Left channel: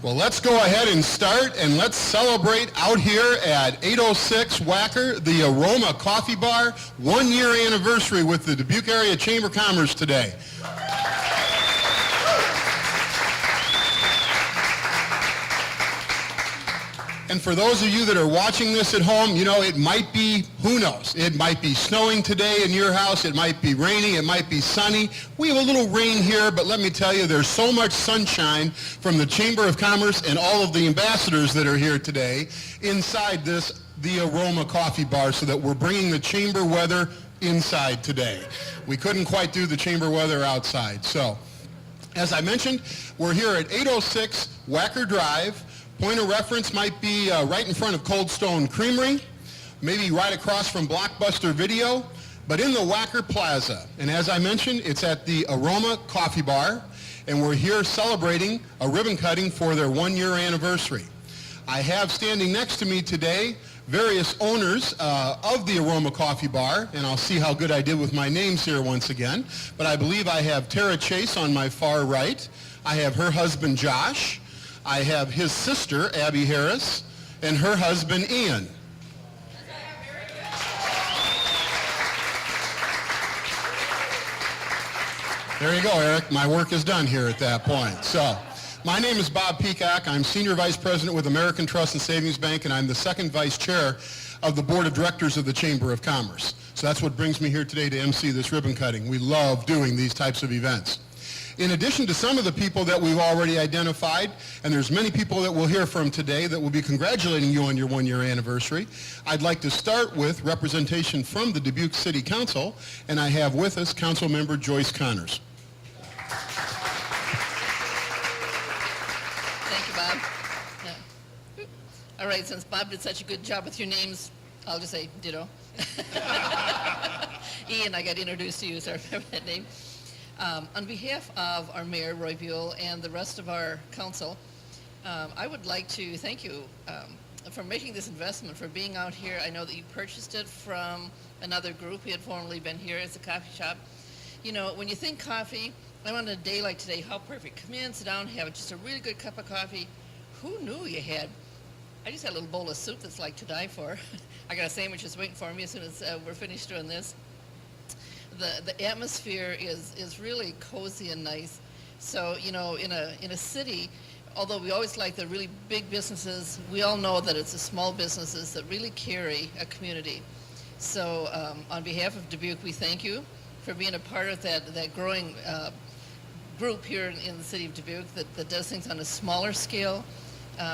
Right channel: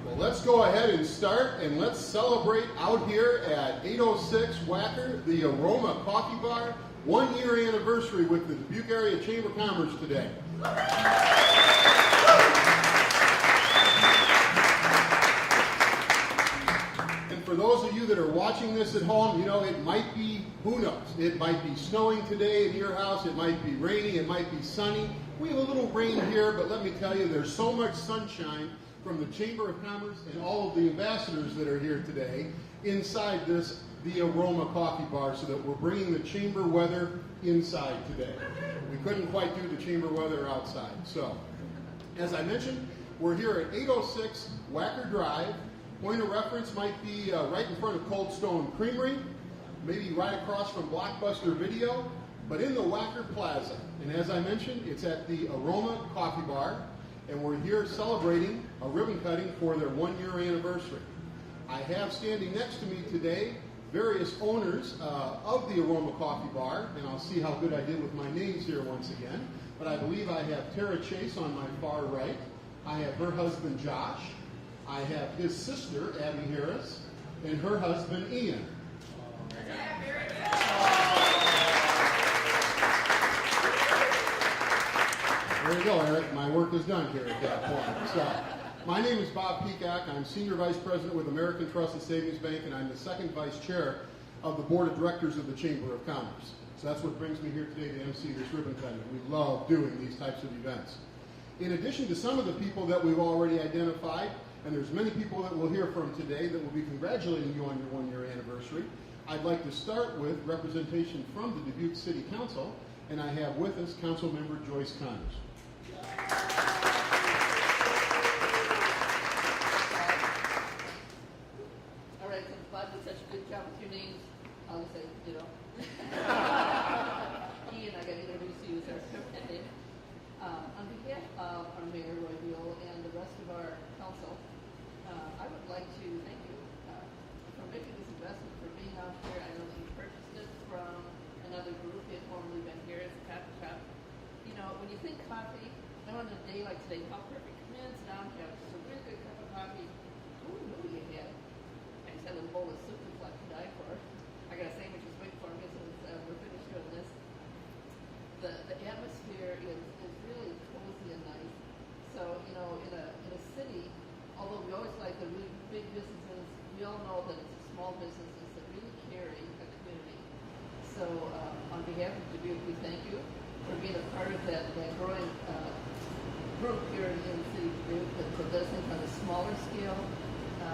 Well, let's go ahead and start, and let's celebrate out here at 806 Wacker, the Aroma Coffee Bar, 1-year anniversary with the Dubuque Area Chamber of Commerce today. And for those of you that are watching this at home, you know, it might be, who knows, it might be snowing today in your house, it might be raining, it might be sunny. We have a little rain here, but let me tell you, there's so much sunshine from the Chamber of Commerce and all of the ambassadors that are here today inside this, the Aroma Coffee Bar, so that we're bringing the chamber weather inside today. We couldn't quite do the chamber weather outside. So, as I mentioned, we're here at 806 Wacker Drive. Point of reference might be right in front of Cold Stone Creamery, maybe right across from Blockbuster Video, but in the Wacker Plaza. And as I mentioned, it's at the Aroma Coffee Bar, and we're here celebrating a ribbon cutting for their 1-year anniversary. I have standing next to me today various owners of the Aroma Coffee Bar, and I'll see how good I did with my names here once again. But I believe I have Tara Chase on my far right. I have her husband, Josh. I have his sister, Abby Harris, and her husband, Ian. There you go, Eric. My work is done here at that point. So, my name is Bob Peacock. I'm Senior Vice President with American Trust and Savings Bank, and I'm the second Vice Chair of the Board of Directors of the Chamber of Commerce. So that's what brings me here today to MC this ribbon cutting. We love doing these types of events. In addition to some of the people that we've already identified, and there's many people that we'll hear from today that will be congratulating you on your 1-year anniversary, I'd like to start with representation from the Dubuque City Council, and I have with us Council Member Joyce Connors. Thank you, Bob. Yeah. All right, since Bob did such a good job with your names, I'll just say ditto. Ian, I got introduced to you, so I remember that name. On behalf of our Mayor, Roy Buell, and the rest of our council, I would like to thank you for making this investment, for being out here. I know that you purchased it from another group. You had formerly been here as a coffee shop. You know, when you think coffee, and on a day like today, how perfect. Come in, sit down, have just a really good cup of coffee. Who knew you had? I just had a little bowl of soup that's like to die for. I got a sandwich just waiting for me as soon as we're finished doing this. The atmosphere is really cozy and nice. So, you know, in a city, although we always like the really big businesses, we all know that it's the small businesses that really carry a community. So on behalf of Dubuque, we thank you for being a part of that growing group here in the city of Dubuque that does things on a smaller scale,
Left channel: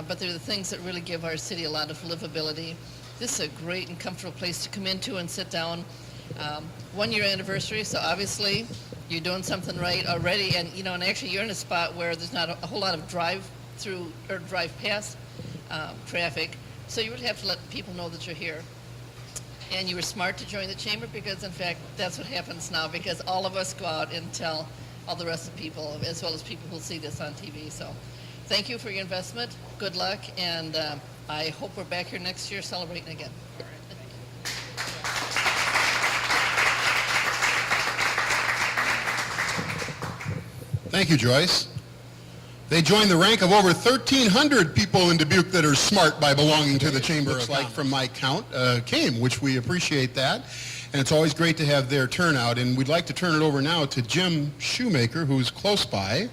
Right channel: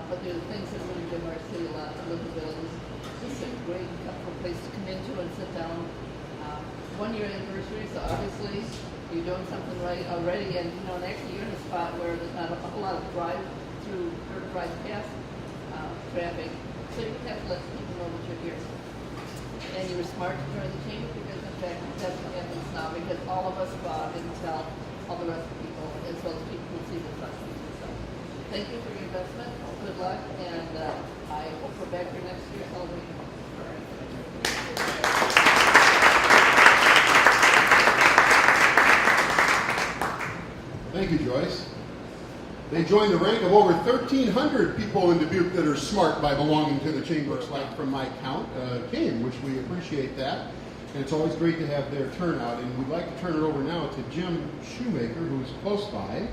but they're the things that really give our city a lot of livability. This is a great and comfortable place to come into and sit down. 1-year anniversary, so obviously you're doing something right already, and you know, and actually you're in a spot where there's not a whole lot of drive-through or drive-past traffic, so you would have to let people know that you're here. And you were smart to join the chamber, because in fact that's what happens now, because all of us go out and tell all the rest of the people, as well as people who see this on TV. So thank you for your investment, good luck, and I hope we're back here next year celebrating again. Thank you, Joyce. They join the rank of over 1,300 people in Dubuque that are smart by belonging to the Chamber of Commerce. Like from my count, came, which we appreciate that. And it's always great to have their turnout. And we'd like to turn it over now to Jim Shoemaker, who is close by.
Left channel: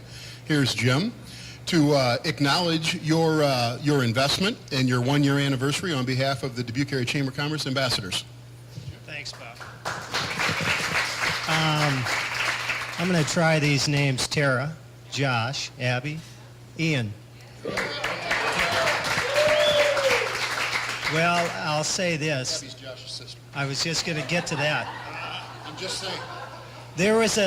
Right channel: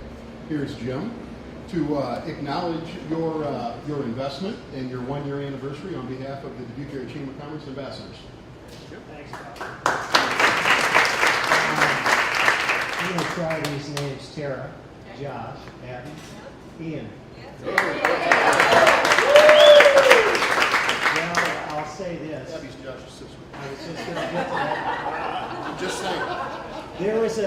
Here's Jim, to acknowledge your investment and your 1-year anniversary on behalf of the Dubuque Area Chamber of Commerce ambassadors. Thanks, Bob. I'm going to try these names: Tara, Josh, Abby, Ian. Well, I'll say this. Abby's Josh's sister. I was just going to get to that. I'm just saying. There was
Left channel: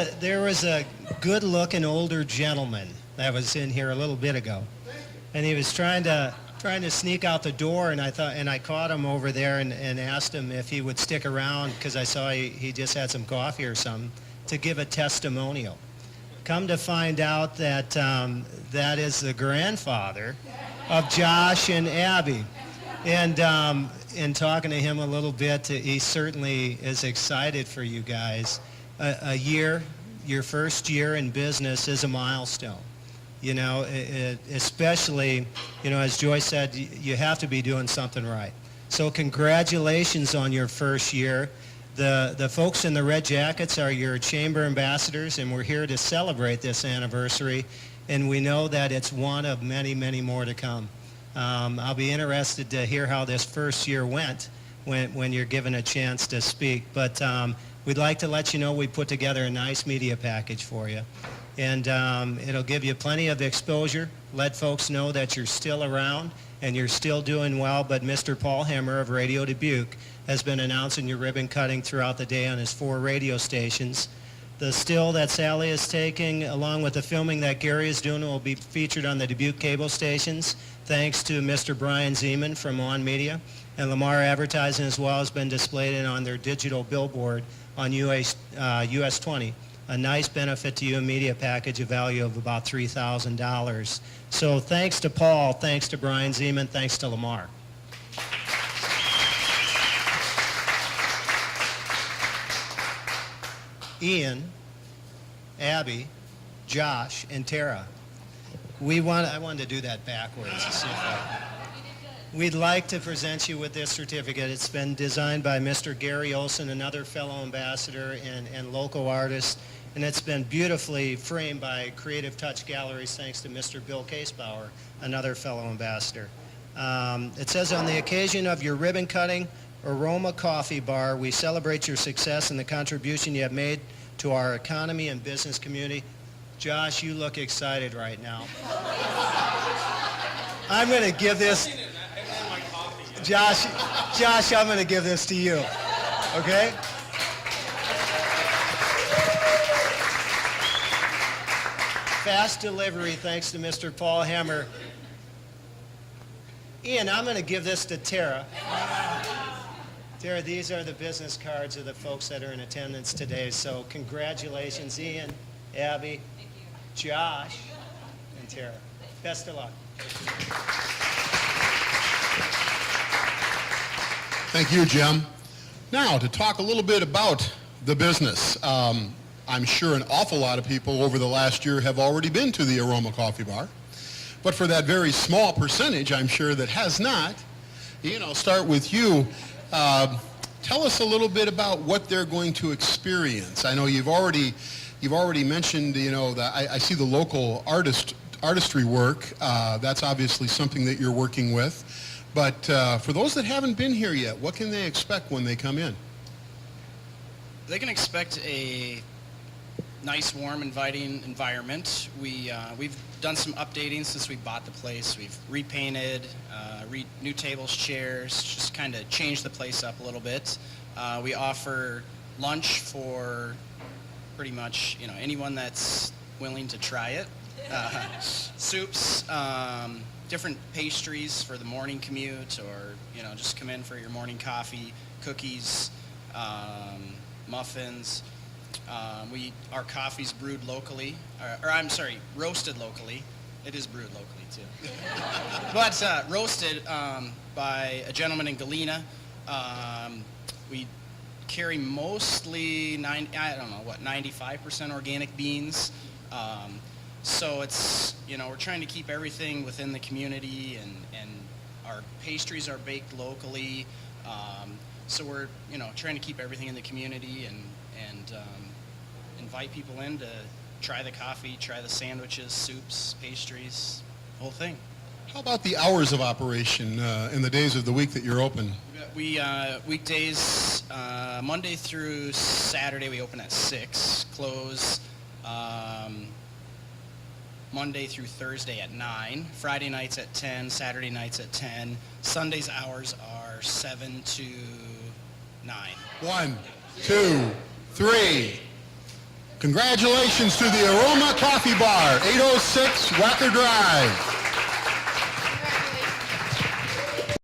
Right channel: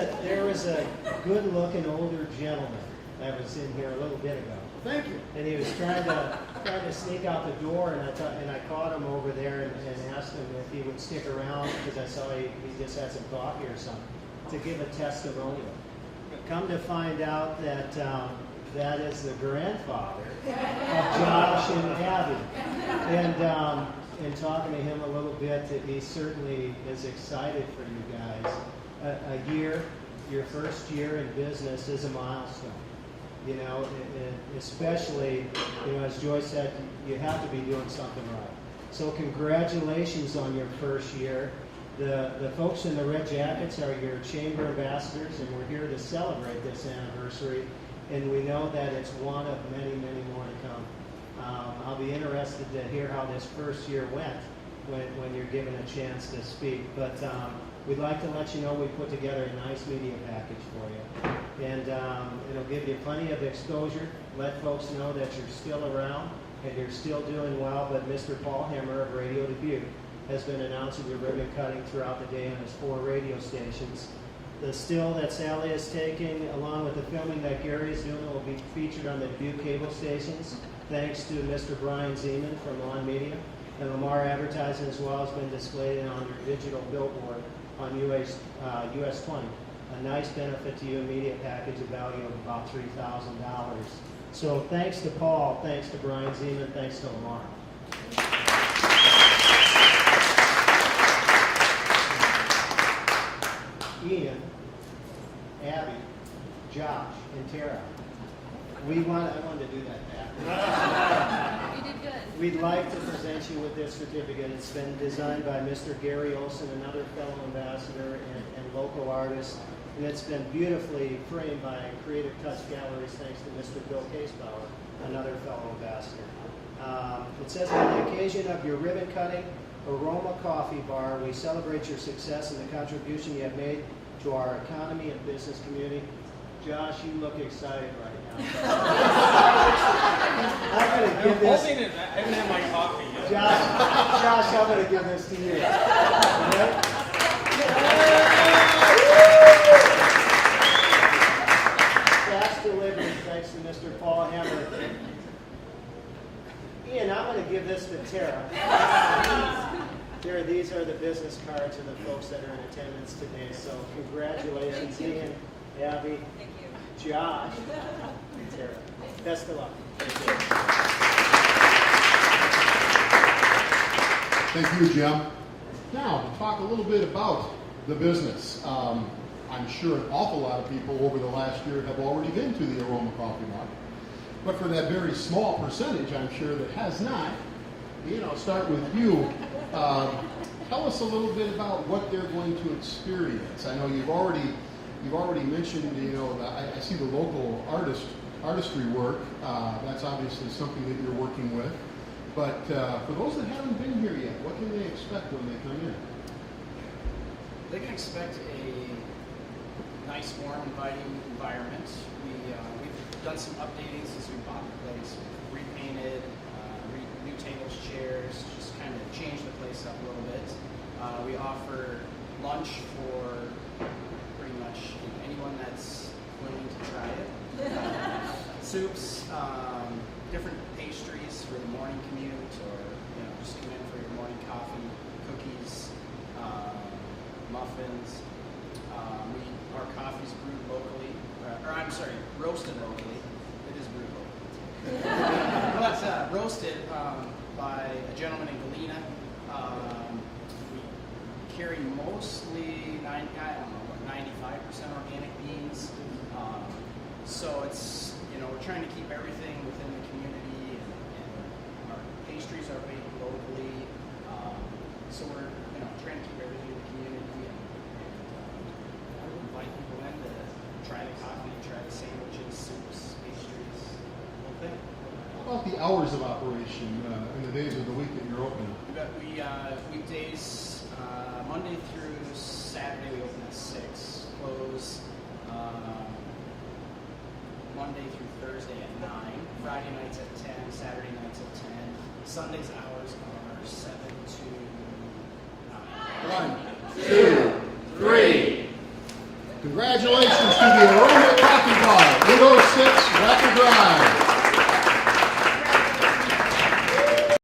a good-looking older gentleman that was in here a little bit ago. Thank you. And he was trying to sneak out the door, and I caught him over there and asked him if he would stick around, because I saw he just had some coffee or something, to give a testimonial. Come to find out that that is the grandfather of Josh and Abby. And in talking to him a little bit, he certainly is excited for you guys. A year, your first year in business, is a milestone. You know, especially, you know, as Joy said, you have to be doing something right. So congratulations on your first year. The folks in the red jackets are your chamber ambassadors, and we're here to celebrate this anniversary, and we know that it's one of many, many more to come. I'll be interested to hear how this first year went when you're given a chance to speak, but we'd like to let you know we put together a nice media package for you, and it'll give you plenty of exposure, let folks know that you're still around and you're still doing well, but Mr. Paul Hammer of Radio Dubuque has been announcing your ribbon cutting throughout the day on his 4 radio stations. The still that Sally is taking, along with the filming that Gary is doing, will be featured on the Dubuque cable stations, thanks to Mr. Brian Zeman from On Media. And Lamar Advertising as well has been displayed on their digital billboard on US 20. A nice benefit to you, a media package, a value of about $3,000. So thanks to Paul, thanks to Brian Zeman, thanks to Lamar. Ian, Abby, Josh, and Tara. I wanted to do that backwards. We'd like to present you with this certificate. It's been designed by Mr. Gary Olson, another fellow ambassador and local artist, and it's been beautifully framed by Creative Touch Galleries thanks to Mr. Bill Casebauer, another fellow ambassador. It says, on the occasion of your ribbon cutting, Aroma Coffee Bar, we celebrate your success and the contribution you have made to our economy and business community. Josh, you look excited right now. I'm going to give this... I haven't had my coffee yet. Josh, I'm going to give this to you. Okay? Fast delivery, thanks to Mr. Paul Hammer. Ian, I'm going to give this to Tara. Tara, these are the business cards of the folks that are in attendance today. So congratulations, Ian, Abby, Josh, and Tara. Best of luck. Thank you, Jim. Now, to talk a little bit about the business. I'm sure an awful lot of people over the last year have already been to the Aroma Coffee Bar. But for that very small percentage, I'm sure, that has not, Ian, I'll start with you. Tell us a little bit about what they're going to experience. I know you've already mentioned, you know, I see the local artistry work. That's obviously something that you're working with. But for those that haven't been here yet, what can they expect when they come in? They can expect a nice, warm, inviting environment. We've done some updating since we bought the place. We've repainted, new tables, chairs, just kind of changed the place up a little bit. We offer lunch for pretty much, you know, anyone that's willing to try it. Soups, different pastries for the morning commute, or, you know, just come in for your morning coffee, cookies, muffins. Our coffee's brewed locally, roasted locally. It is brewed locally too. But roasted by a gentleman in Galena. We carry mostly 95% organic beans. So it's, you know, we're trying to keep everything within the community, and our pastries are baked locally. So we're, you know, trying to keep everything in the community and invite people in to try the coffee, try the sandwiches, soups, pastries, the whole thing. How about the hours of operation in the days of the week that you're open? We weekdays, Monday through Saturday, we open at 6, close Monday through Thursday at 9, Friday nights at 10, Saturday nights at 10. Sundays hours are 7 to 9. 1, 2, 3. Congratulations to the Aroma Coffee Bar, 806 Wacker Drive.